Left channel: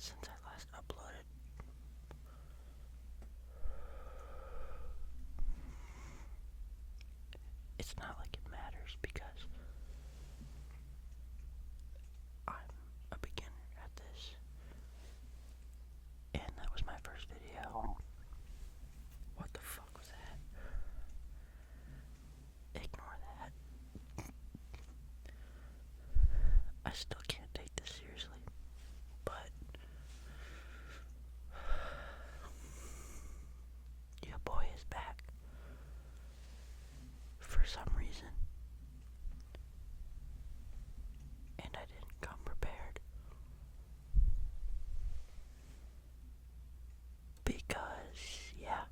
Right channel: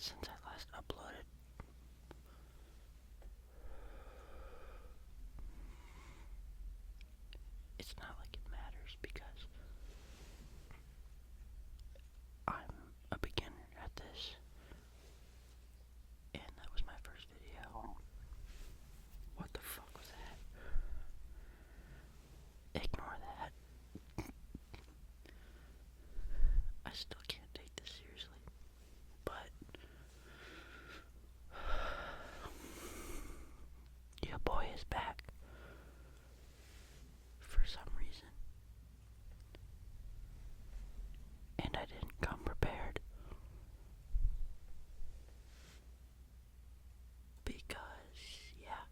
since I last uploaded. It's not like it matters because I'm a beginner at this, and that was my first video. What the fuck was that? Ignore that. I still can't take this seriously, but your boy is back for some reason, and I didn't come prepared because, yeah,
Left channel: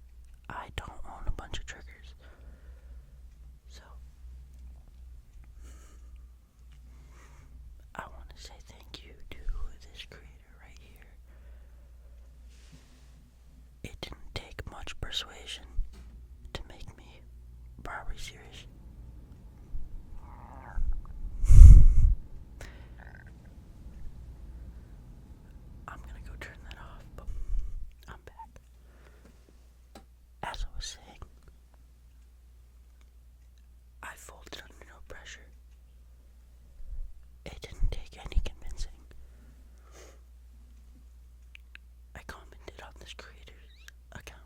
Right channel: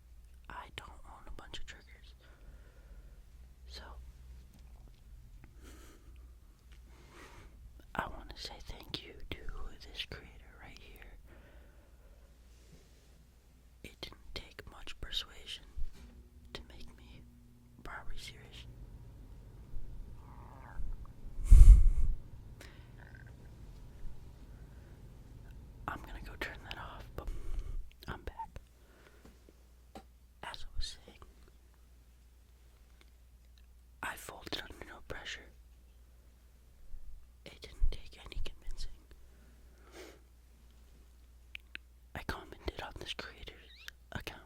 I don't own a bunch of triggers. So I want to say thank you to this creator right here. It didn't take much persuasion to make me probably serious. I'm gonna go turn that off, but I'm back. As I was saying, I folded under no pressure. It didn't take any convincing. I commented on this creator's account,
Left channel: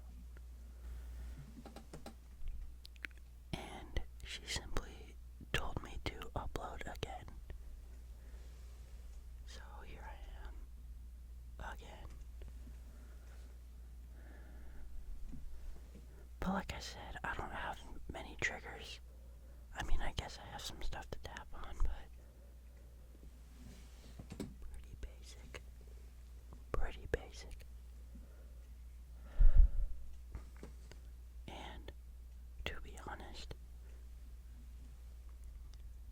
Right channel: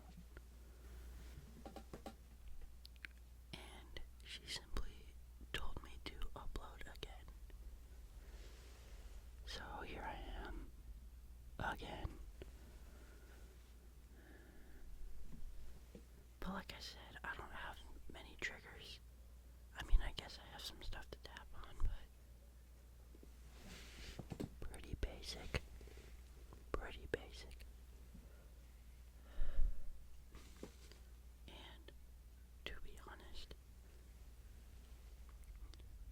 and she simply told me to upload again. So here I am, again. But like I said, I don't have many triggers. I mean, I guess I have some stuff to tap on, but pretty basic. Pretty basic. And to be honest,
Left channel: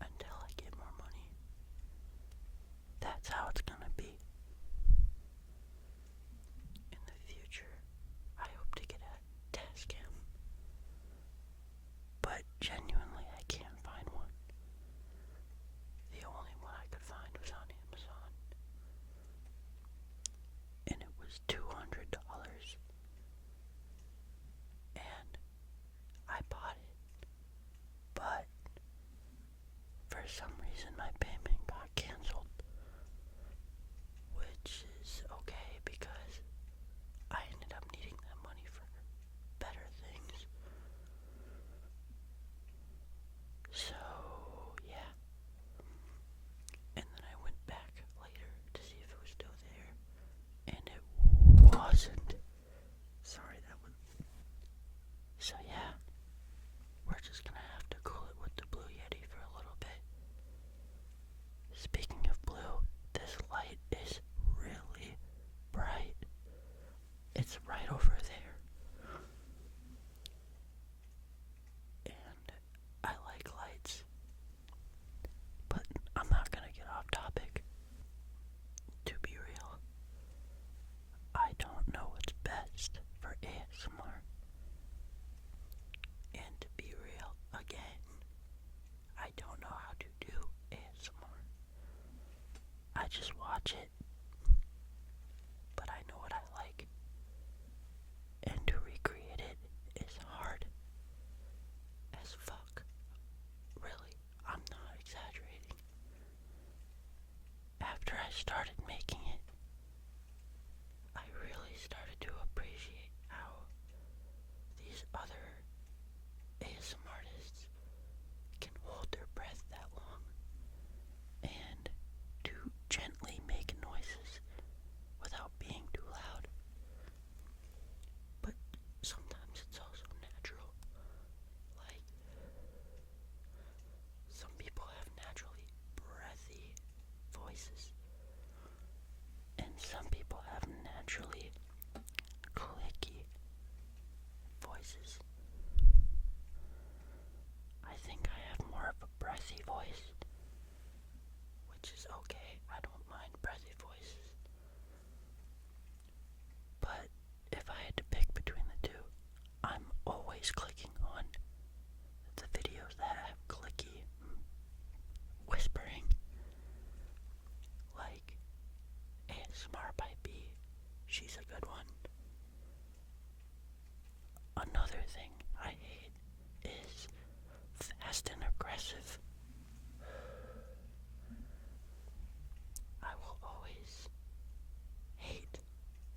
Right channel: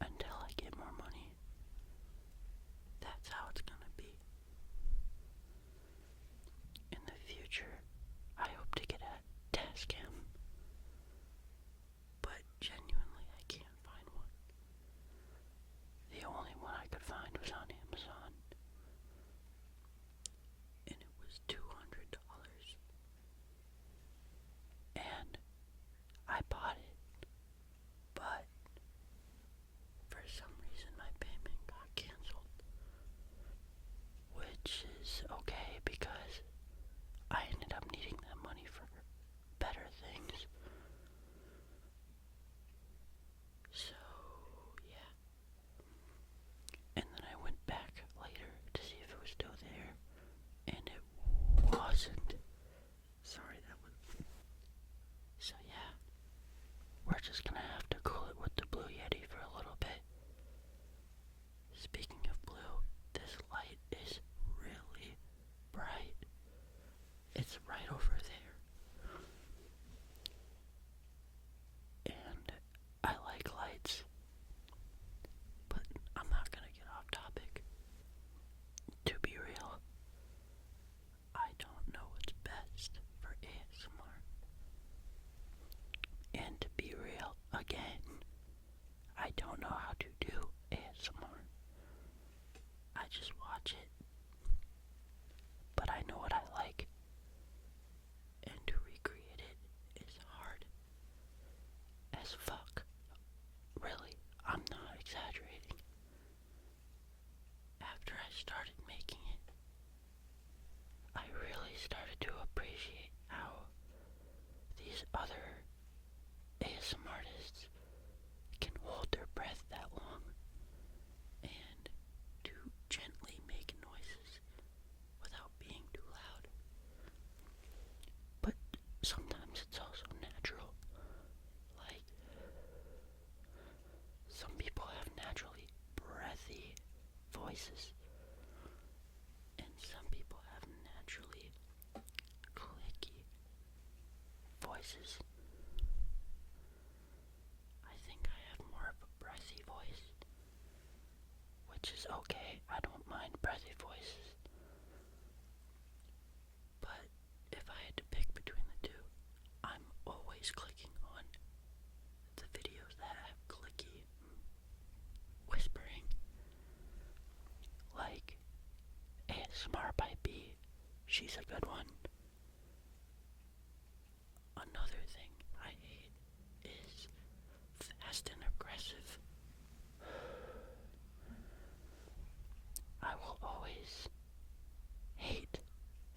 until I get more money, that's how it's gonna be. In the future, I hope to get a test cam, but genuinely I can't find one. The only one I could find was on Amazon, and it was $200, and I bought it, but for some reason my payment got canceled, which is okay because I ended up needing that money for better things. So, yeah. And then I went back later to see if it was still there, and it wasn't. Sorry, that was... So, yeah. We're just gonna have to cool it with the Blue Yeti for a little bit. Speaking of blue, this light is really bright. It's right over there. And I like lights, but I'm not gonna get off topic. To be real, I don't know what's best for ASMR. And to be real, again, I don't know how to do ASMR. I just watch it, but I know what I like, and to recreate it is hard as fuck. Really, I'm not exaggerating. After I started making it, I really started to appreciate how these other ASMR artists can hold their breath that long and to gently make noises without being too loud. But sometimes it's also natural. Like, some people have naturally breathy voices, and some people have naturally clicky voices. I think I have more of a breathy voice, which is okay. I don't mind breathy voices. But if I had to pick between the two, I'm always clicking on the videos that have clicky whispering, like ASMR by B She's a good one. Another thing I hate is fast and aggressive. I will always hate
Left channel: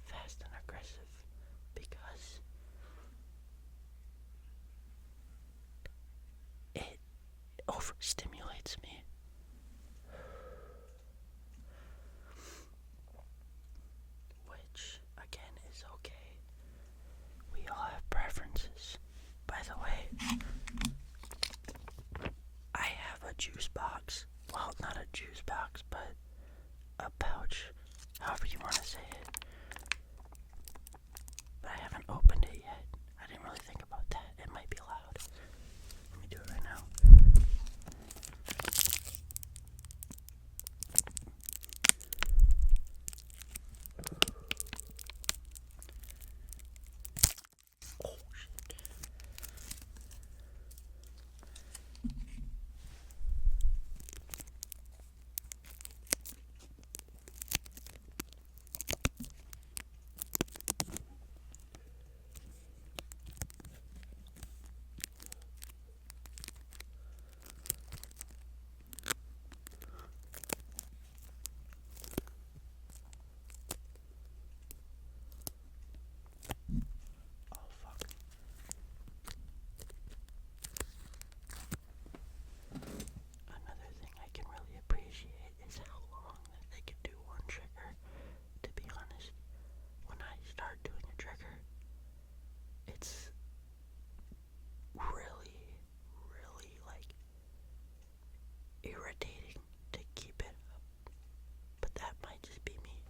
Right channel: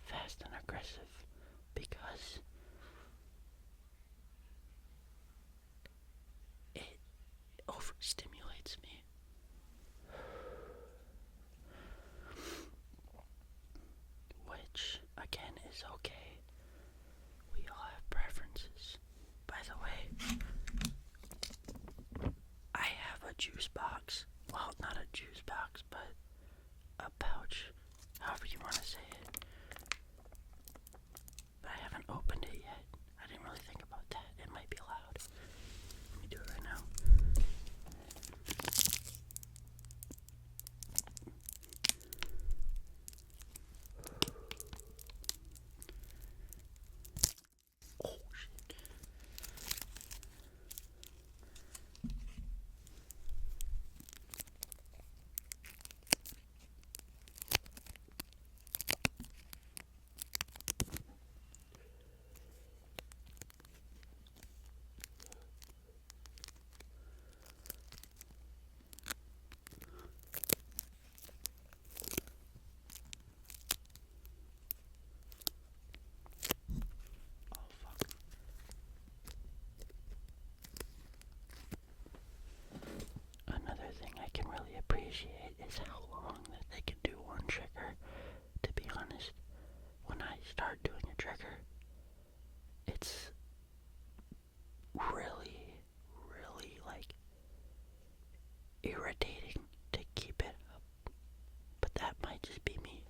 fast and aggressive because it overstimulates me. Which, again, is okay. We all have preferences. By the way, I have a juice box. Well, not a juice box, but a pouch, however you want to say it. But I haven't opened it yet. I didn't really think about that. It might be loud. Let me do it right now. Oh, shit. Oh, fuck. Another thing I can really appreciate is how long that they can do one trigger. To be honest, when I start doing a trigger, it's really, really like irritating to keep it up. But that might just be me.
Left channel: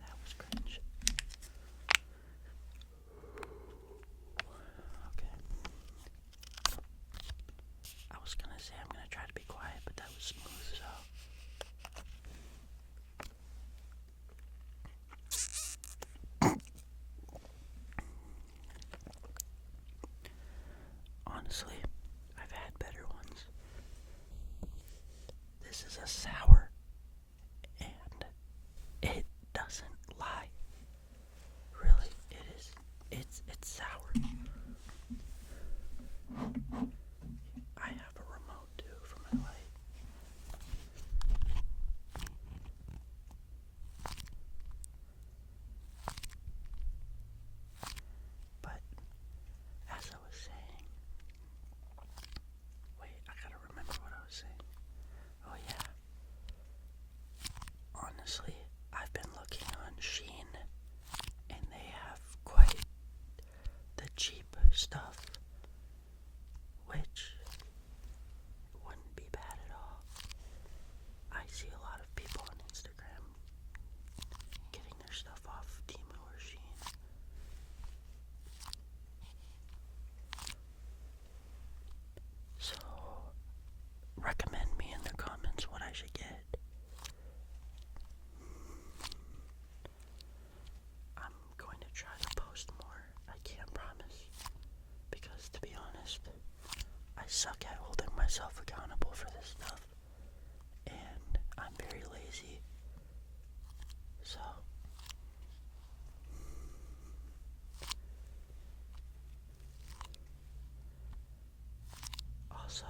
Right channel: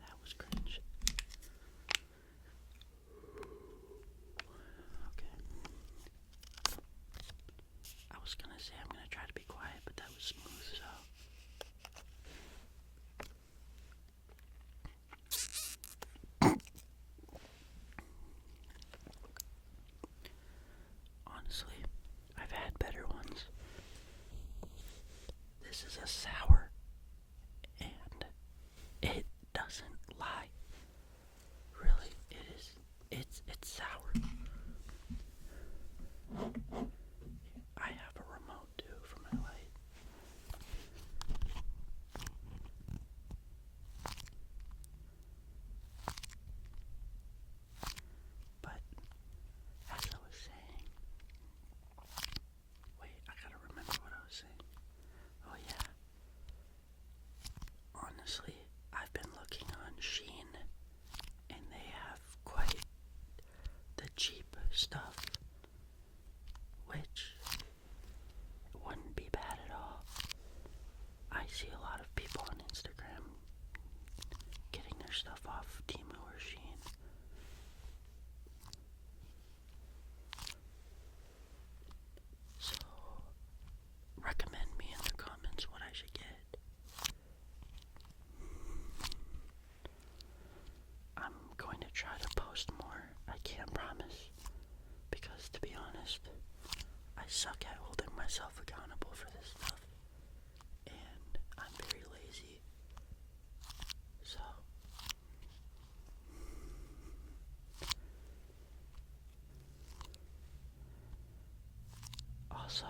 That was cringe. Okay. I was gonna say I'm gonna try to be quiet, but that was smooth, so. Honestly, I've had better ones. This is a sour, and it doesn't lie. Really, it is. It's sour. I have a remote too for my light. But as I was saying, wait, I gotta remember what I was saying. Oh yeah. Honestly, I've been looking on Shein, and they have quite the cheap stuff, which wouldn't be bad at all. I see a lot of people on Instagram getting their stuff off Temu or Shein. So, recommend me in the comments what I should get. I'm going to try to post more. I can't promise, because to be honest, I suck at holding myself accountable for this stuff, and I'm very lazy. So, also,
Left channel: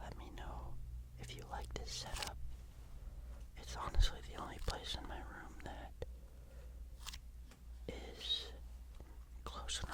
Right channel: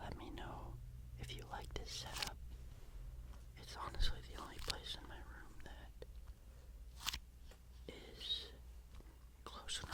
let me know if you like this setup. It's honestly the only place in my room that is close enough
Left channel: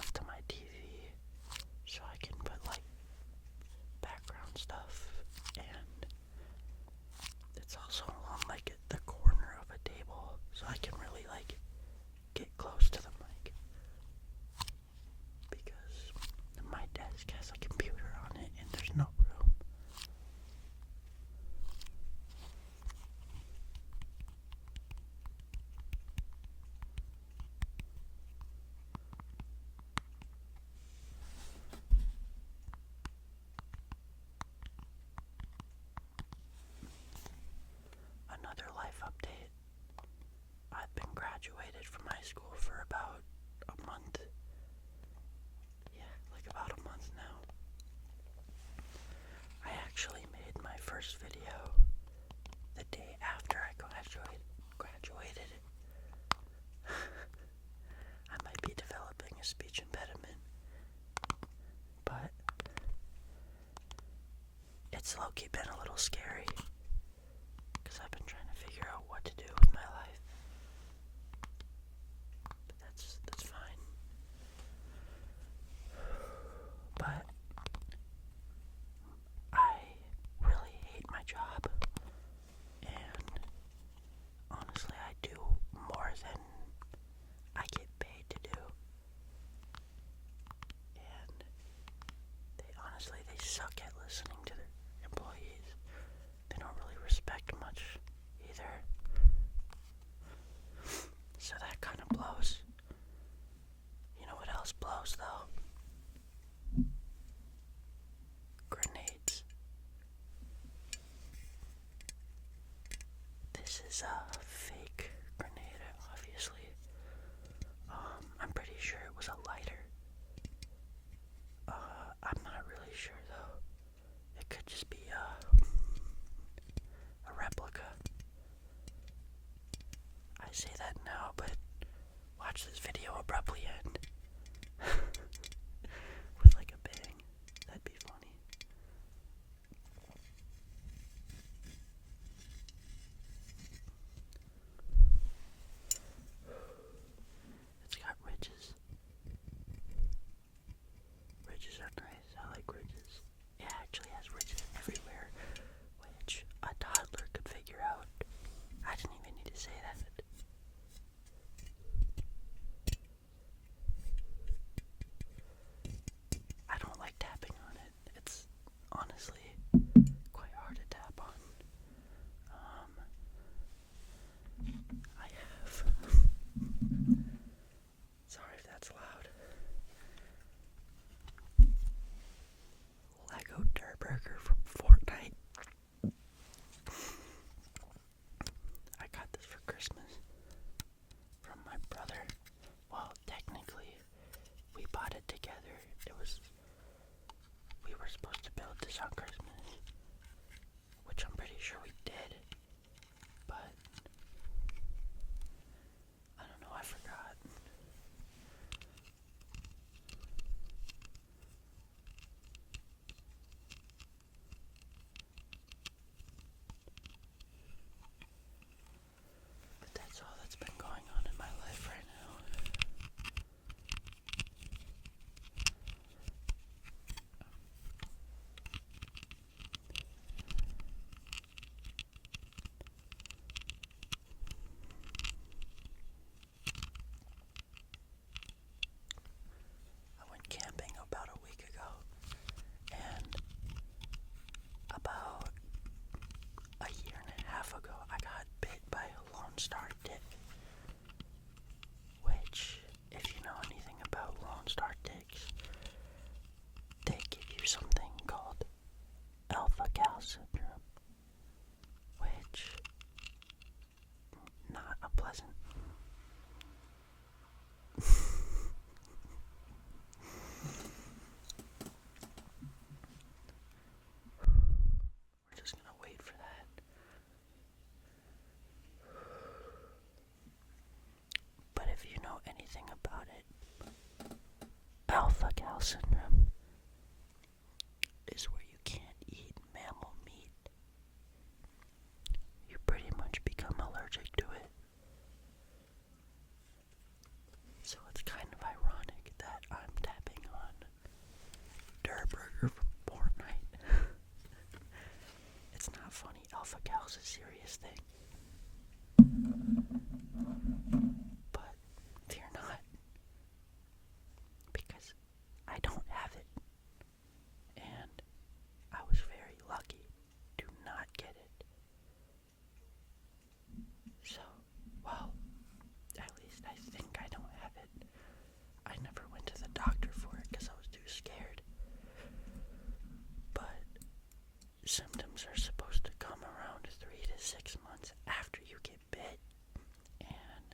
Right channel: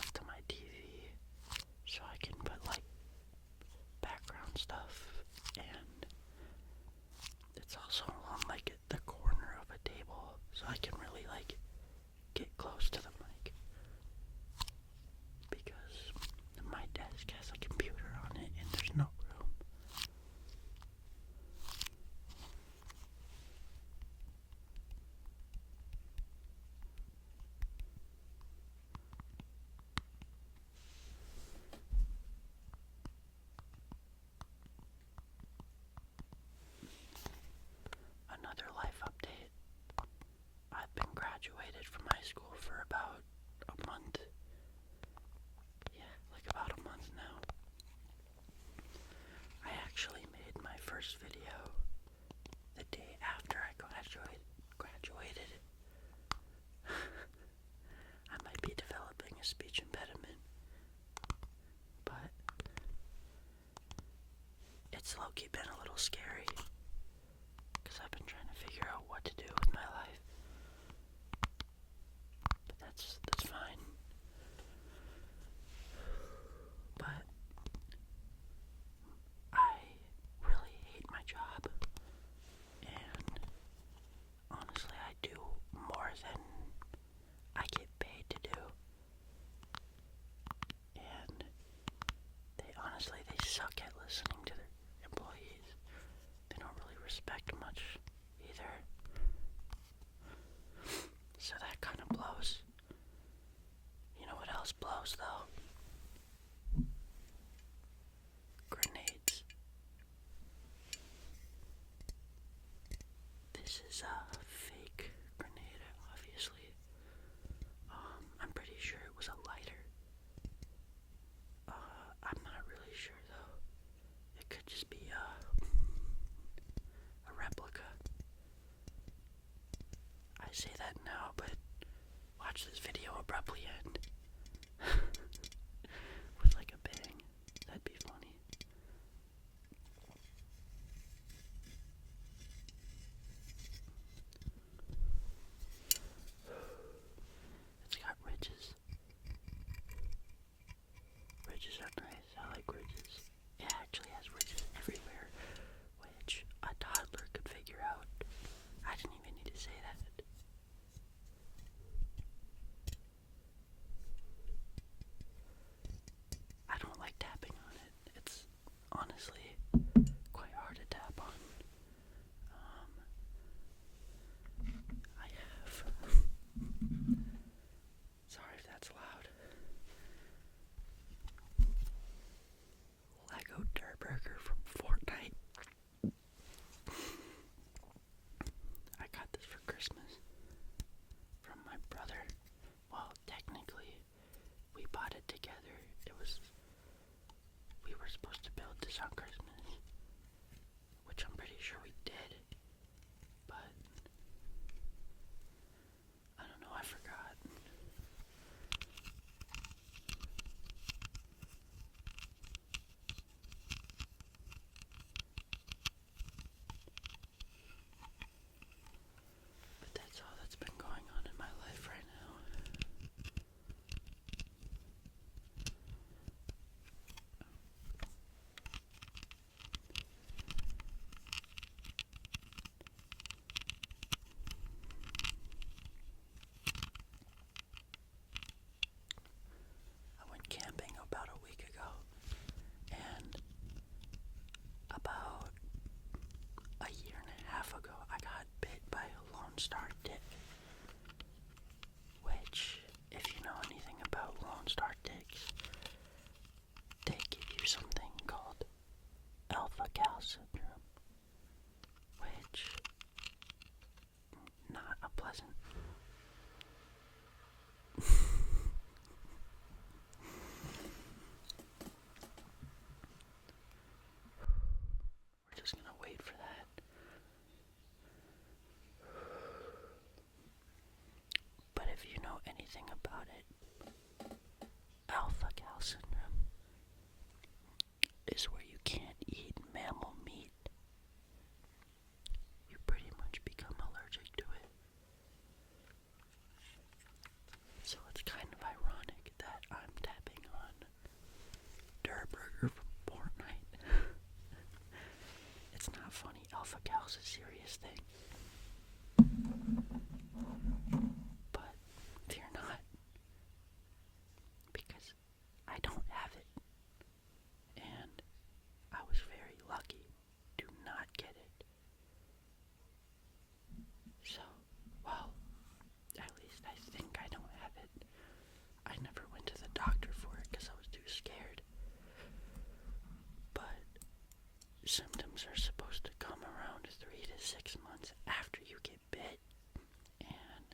first video the day after I graduated. I might be developing a speech impediment, but it's low-key been a little scary because I've been trying to figure out what to do with my life. But that's fine. But I really hate my job, and honestly, I do more than I get paid to do. And they suck at listening to their employees. They don't really respect much either. So that kind of blows. You know what else blows though? Grenades. This is a fake grenade, obviously. I'm pretty sure it was a lighter. I'm not really sure though. It could just be a replica. I say that now, but watch this video abruptly end with like a bang. That'd be funny. It's got ridges. Ridges are nice. I like ridges. It actually has ridges everywhere, which a toddler could figure out. I didn't even need to say that. I don't like tapping on it. It's honestly quite hard to tap on. I have. Sorry if that's loud. Lego Dirt Burger from Fortnite. I got this for Christmas from my brother. Well, technically, we bought it together. We were supposed to build this on Christmas, which I'm pretty sure we did, but I don't know, I forgot. But that's all that's been going on in my life right now. I went camping about a week ago, and about a year and a half ago, I got bit by a Lone Star tick. Which, if you know anything about Lone Star ticks, they give you something called alpha-gal syndrome, which, not a pleasant. We're just gonna wait for that. But if you know anything about it, alpha-gal syndrome is where you can't eat mammal meat. You pretty much become allergic to it. So it's kind of ironic that I'm tapping on Dirt Burger from Fortnite. It's not funny. Alpha-gal's a serious thing. But fear not, because I don't have it. And I was very lucky to not get it. So, well, at least I think I don't have it. I never went to the doctor for it because I was too scared. But symptoms are supposed to come around 3 to 6 months after you get bit. And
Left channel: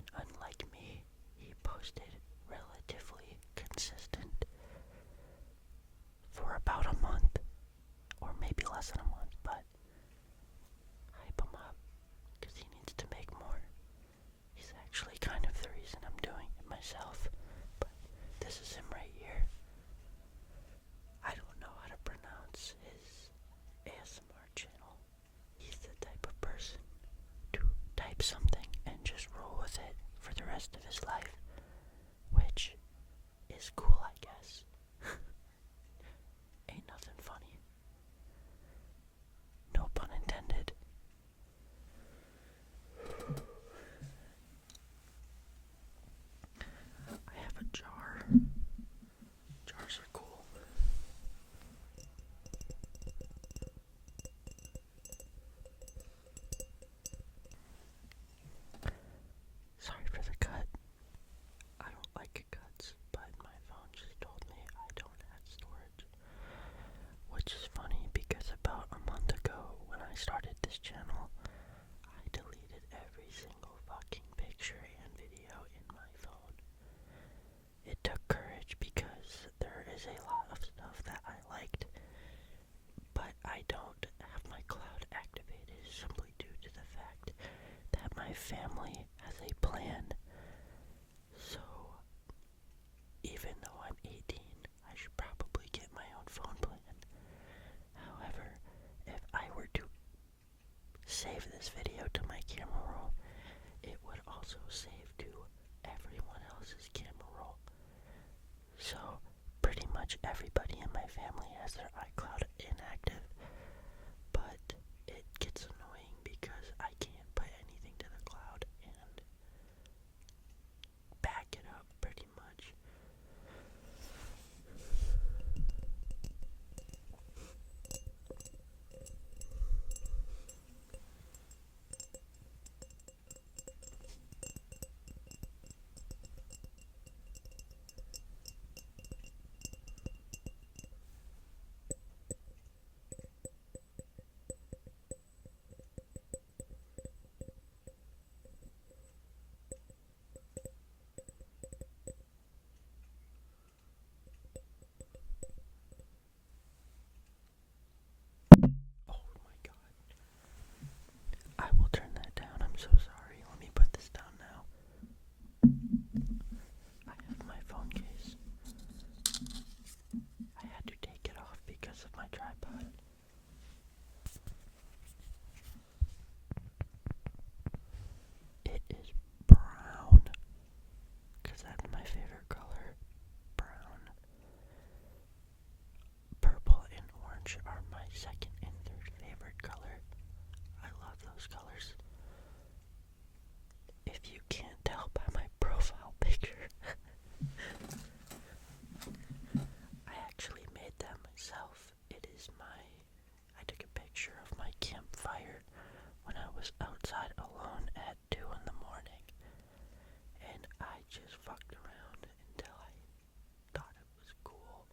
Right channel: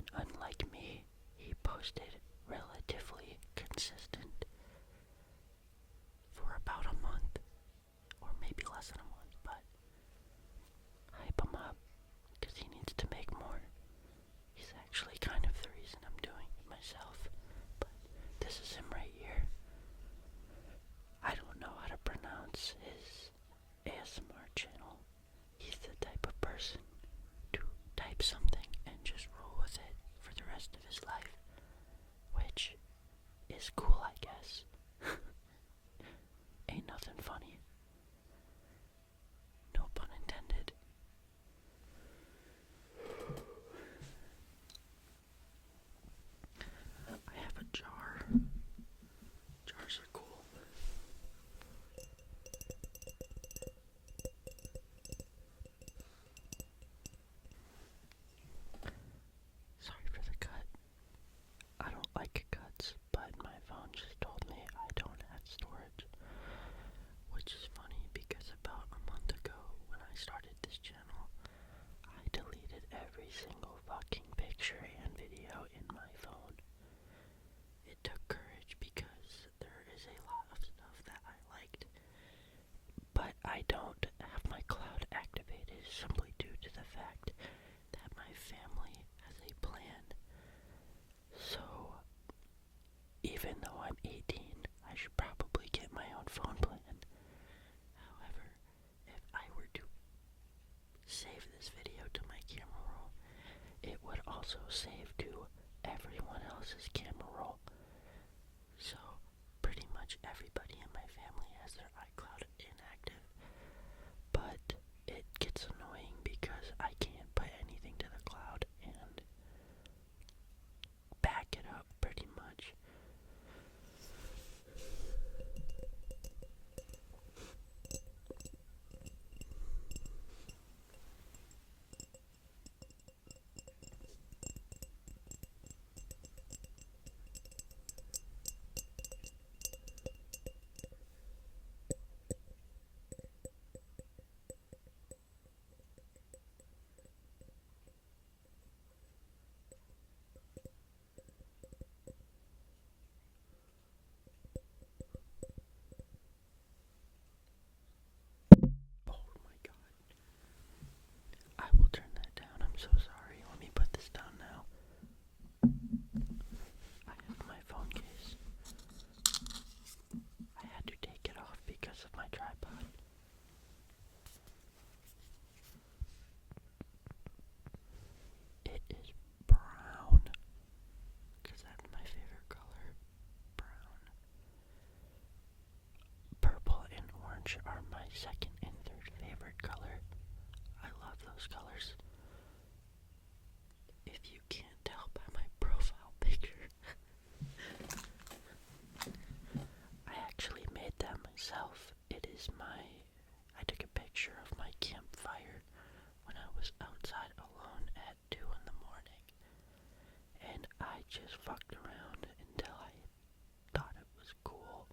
And unlike me, he posted relatively consistent for about a month, or maybe less than a month, but hype him up, because he needs to make more. He's actually kind of the reason I'm doing it myself, but this is him right here. I don't know how to pronounce his ASMR channel. He's the type of person to type something and just roll with it for the rest of his life, which is cool, I guess. Ain't nothing funny. No pun intended. I have a jar. Jars are cool. Sorry for the cut. I don't like cuts, but my phone just told me I don't have storage. Which is funny because about a month ago when I started this channel, I deleted every single fucking picture and video in my phone. It took courage because there is a lot of stuff that I liked, but I don't have my cloud activated simply due to the fact that my family has a plan. So, even though I'm 18, I should probably get my own phone plan. However, if I were to save this video to my camera roll, it would also save to everyone else's camera roll. So, pretty much everybody in my family has their iCloud inactive, but it gets annoying because I can't put anything to the cloud and back it up pretty much. Oh my god. I will turn that down. I'm so sorry. Let me put this down now. I have my phone case. I had to take it off because of my tripod. It is brown, because that's my favorite color. Brown. Purple and orange are my second and third favorite color. I love those colors. If you can't tell by my profile picture, I actually made that myself. I took a picture of my campfire when I was outside alone at 2 in the morning. And I just fucked around until I thought it was cool.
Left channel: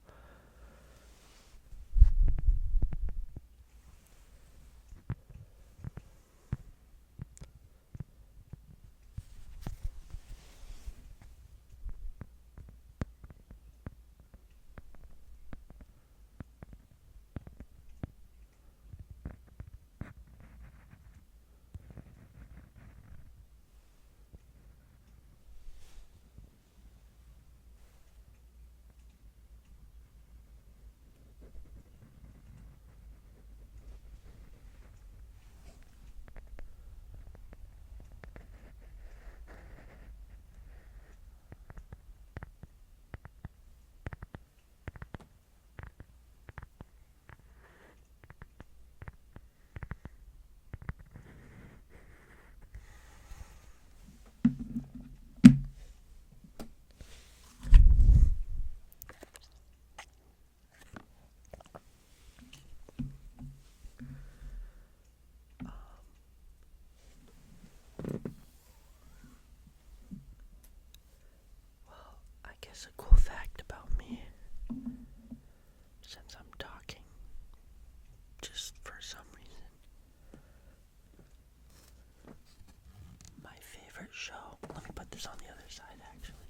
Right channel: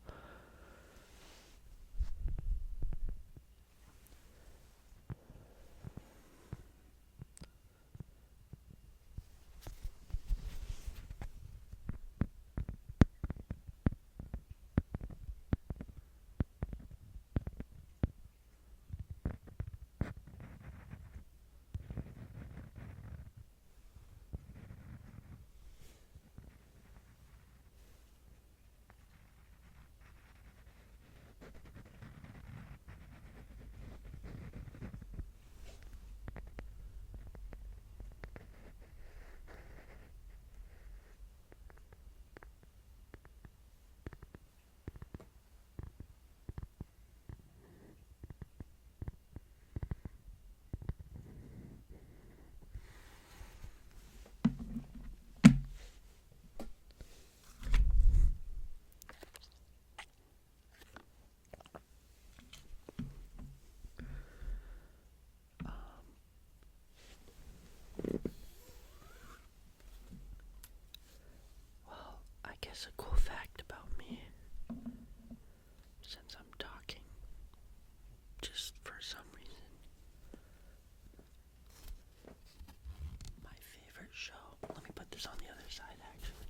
is on the other side, actually.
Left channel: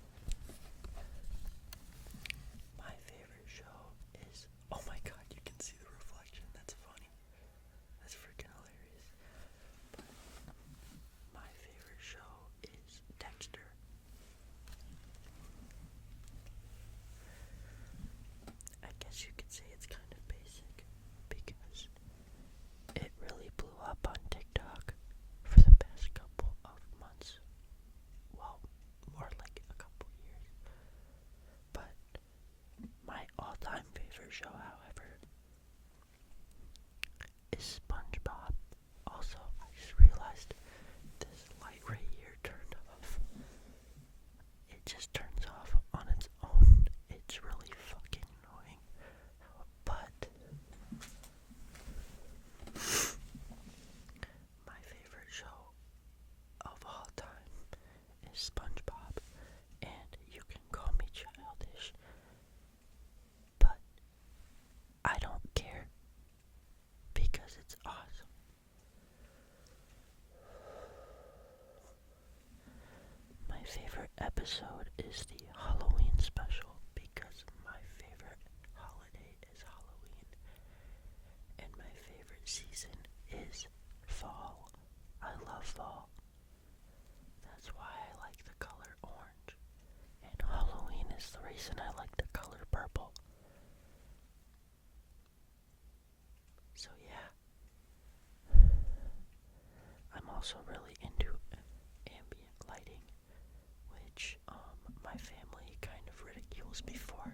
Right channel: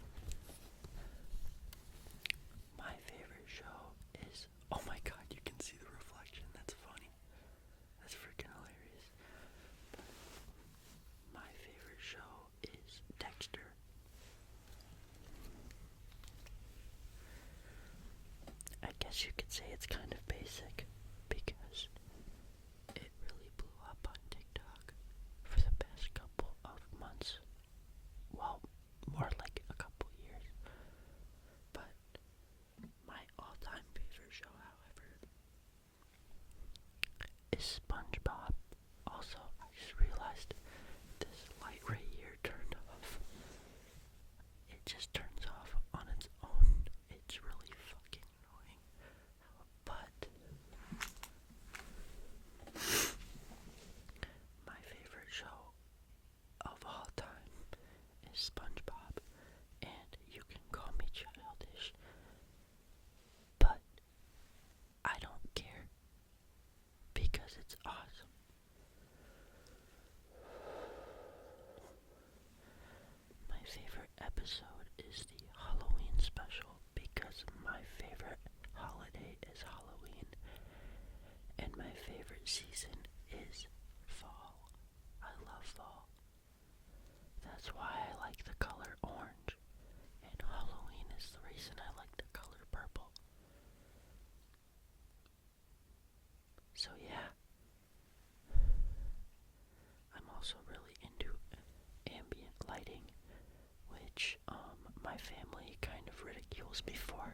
My favorite show is, oh my god, you can see the reflection. That's funny. That's freaking hilarious. But my favorite show is Dexter. I guess you could say it's kind of basic because it really blew up on TikTok for the past couple of months. Well, more like a couple years. But my all-time favorite show, however, is SpongeBob. Also, I just realized this light right here turned off. It just turns off on its own. It's really fucking annoying. But my favorite show of all time is SpongeBob, and you can call me childish, but I don't care because it's awesome. My favorite episode is the Halloween special because my favorite holiday is Halloween, and my favorite season is fall. I love fall. That's why I like the color orange, and Halloween is the reason I like the color purple. So yeah, I'm also really into ambient lighting, which my family kind of ridicules me for.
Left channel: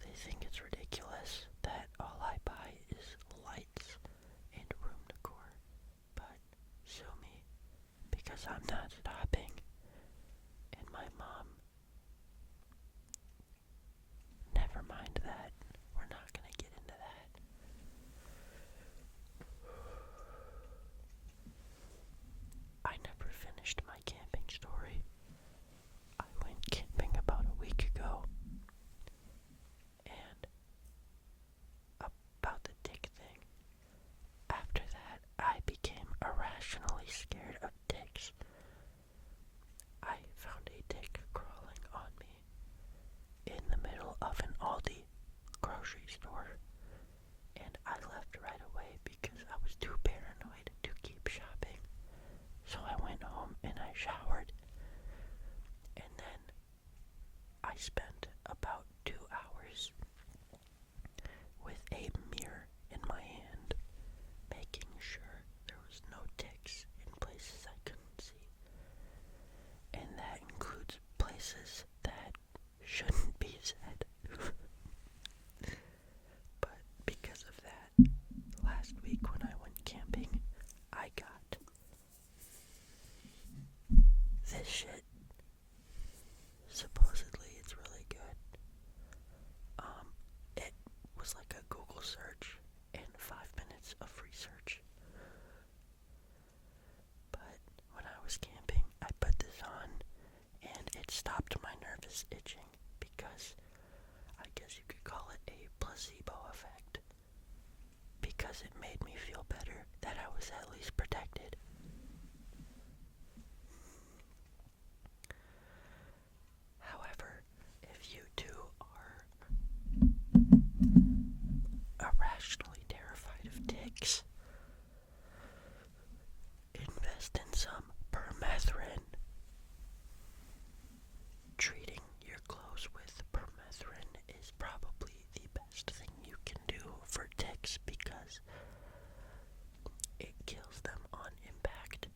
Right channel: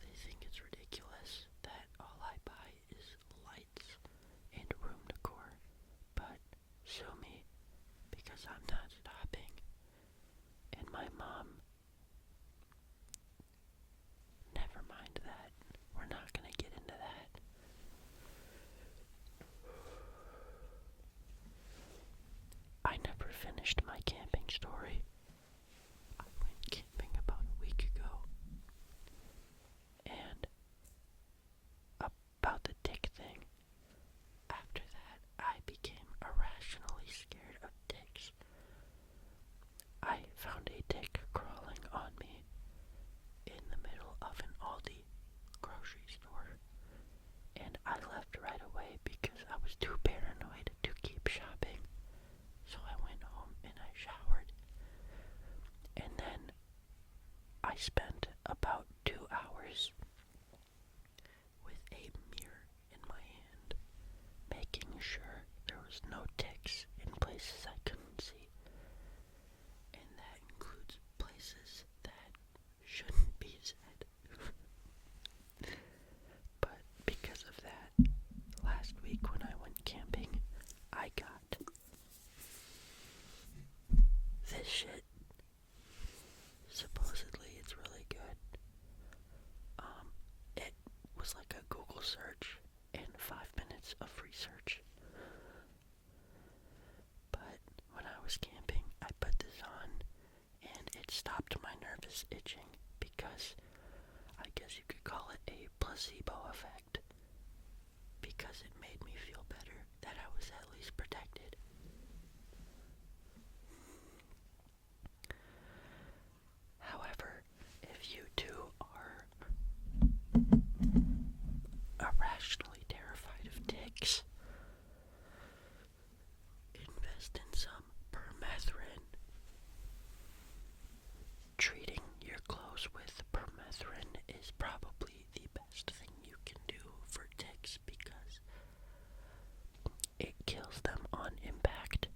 They think it's ridiculous that all I buy is lights and room decor, but sue me because I'm not stopping. And my mom, never mind that, we're not gonna get into that. I never finished my camping story. I went camping about a week ago, and about the tick thing, after that I became irrationally scared of ticks. I found a tick crawling on me in the middle of an Aldi grocery store, and I left right away because I was too paranoid to keep shopping. So I went home and I showered, and then I spent about 2 hours with a mirror in my hand, making sure there was no ticks in places I couldn't see. And that includes places that shouldn't be said. But because of that, last week when I went camping, I got this shit. Supposedly it's really good. It was like a Google search and 5 minutes of research. But when I was camping, I put this on and it stopped my nervous itching because I guess you could call it a placebo effect, because it made me feel better that I was at least protected. However, if you too are irrationally terrified of ticks, invest in some permethrin. Treating your clothes with permethrin is probably the best thing you can do for ticks because it kills them on impact.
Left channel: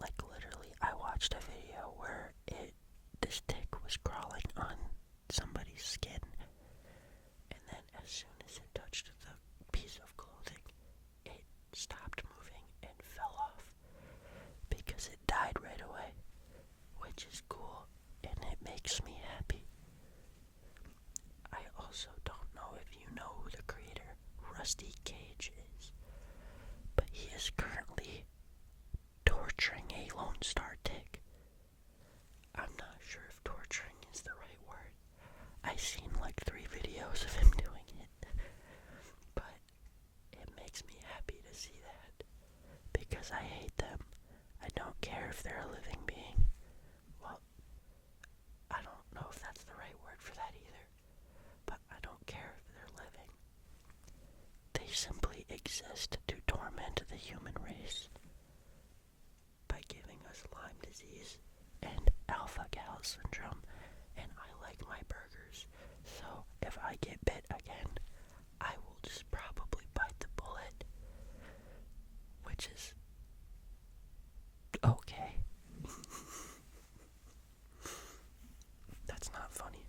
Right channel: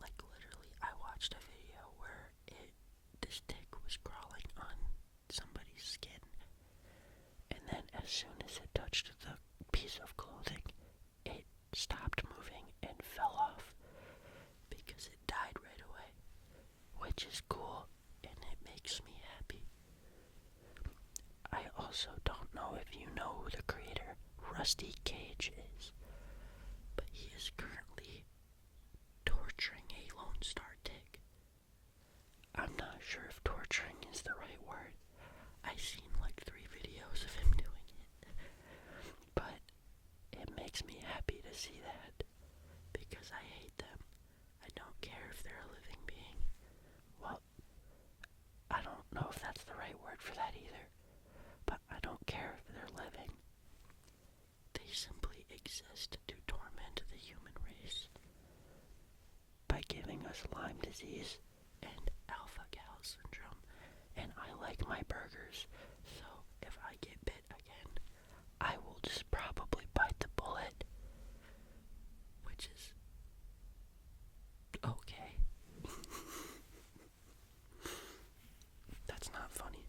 Like literally, I watched a video where this tick was crawling on somebody's skin, and then as soon as it touched the piece of clothing, it stopped moving and fell off because it died right away, which is cool and it makes me happy. I also don't know if you know who the creator Rusty Cage is, but he is currently torturing a Lone Star tick. I'm not sure if torturing is the right word. I've seen like 3 videos of him doing it, but it makes me happy to see that because I hate them. I don't care if they're exist to torment the human race by giving us Lyme disease and alpha-gal syndrome, and I like my burgers, so if I get bit again, I will just probably bite the bullet, which is okay. That's not funny.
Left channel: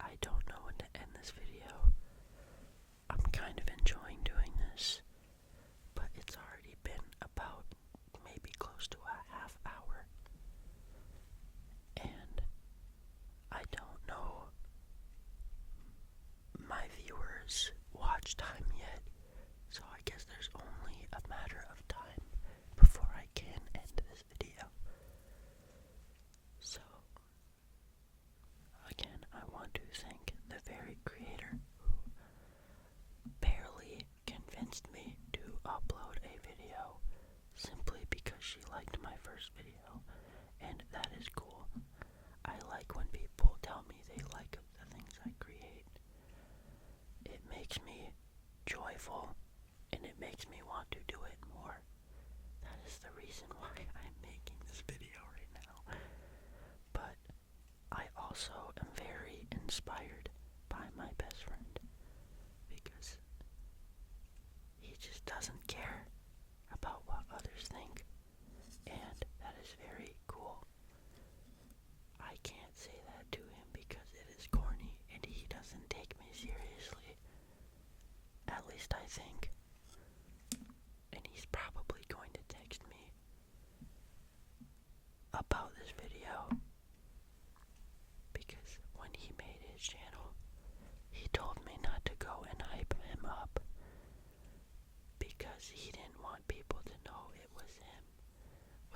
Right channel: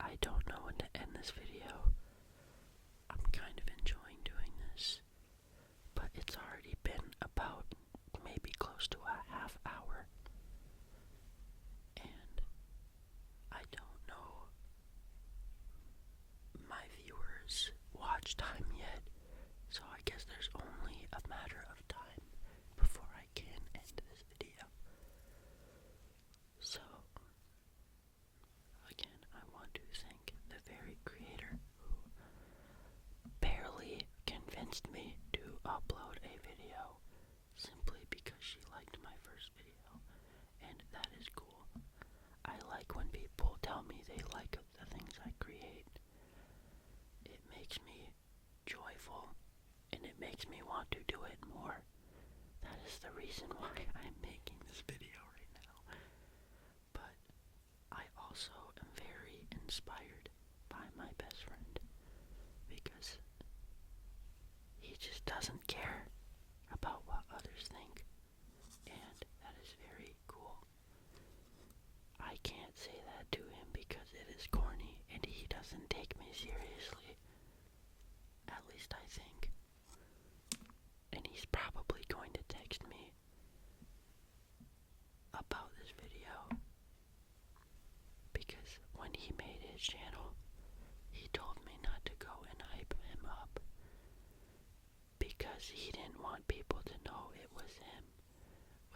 I don't know when to end this video. I'm kind of enjoying doing this, but it's already been about maybe close to a half hour, and I don't know my viewers' watch time yet, so I guess there's only a matter of time before I can end this video. So, again, I want to thank the very creator who barely convinced me to upload a video simply because she liked my first video, and that is cool. I like when people tell me they like the things I create. It makes me joyful, and it makes me want to do it more. That is the reason why I'm making this video right now. But I also am very inspired by my best friend, because he just doesn't care about what others think, and that is very cool. I can't say that to him because it is corny and he doesn't take me seriously. At least I think. And he's probably going to text me about this video, because when he made his channel, he told me not to go and hype him up because he didn't want people to know it was him,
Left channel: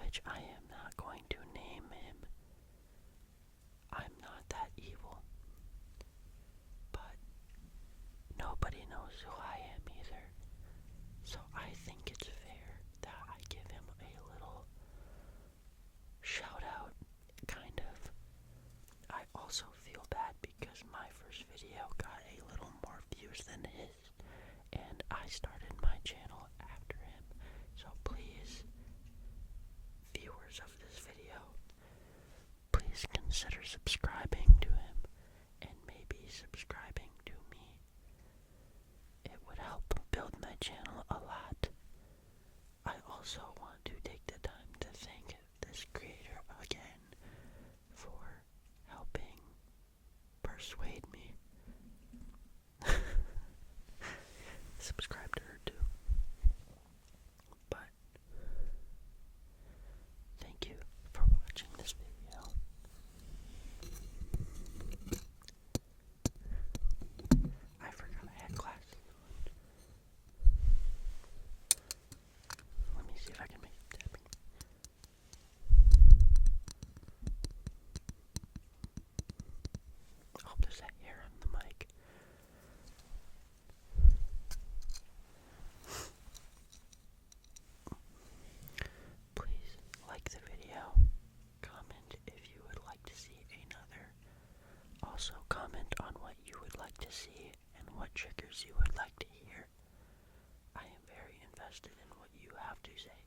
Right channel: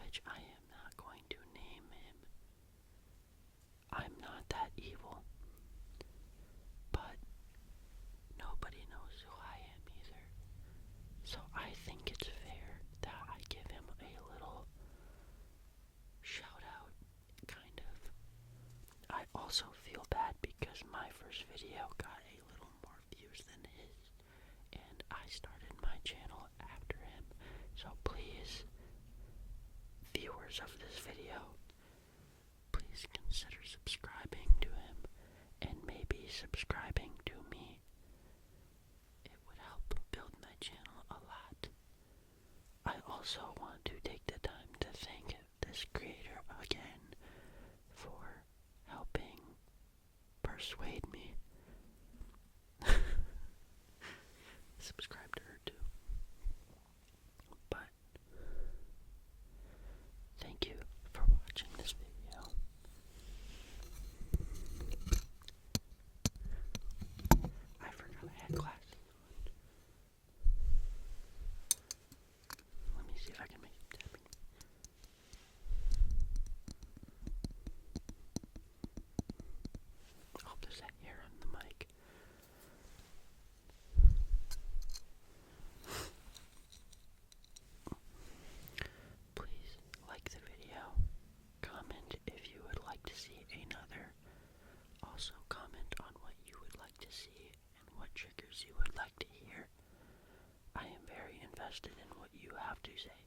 which I am not going to name him. I'm not that evil, but nobody knows who I am either. So I think it's fair that I give him a little shout out, kind of. I also feel bad because my first video got a little more views than his, and I started my channel after him. So please, viewers of this video, please consider subscribing to him and maybe subscribing to me. It would help build my channel a lot. I also want to take the time to thank this creator again for helping persuade me. Subscribe to her too. But thank you for watching this video. I forgot I had glasses on. Let me see if I can make it tapping. Oh, there's that hair on the mic. Please like the video. Comment if you would like to see another. Also comment on what you would like to see and what triggers you would like to hear. I am very invested in what you have to say.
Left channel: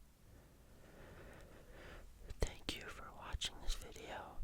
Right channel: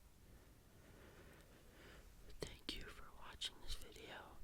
Thank you for watching this video,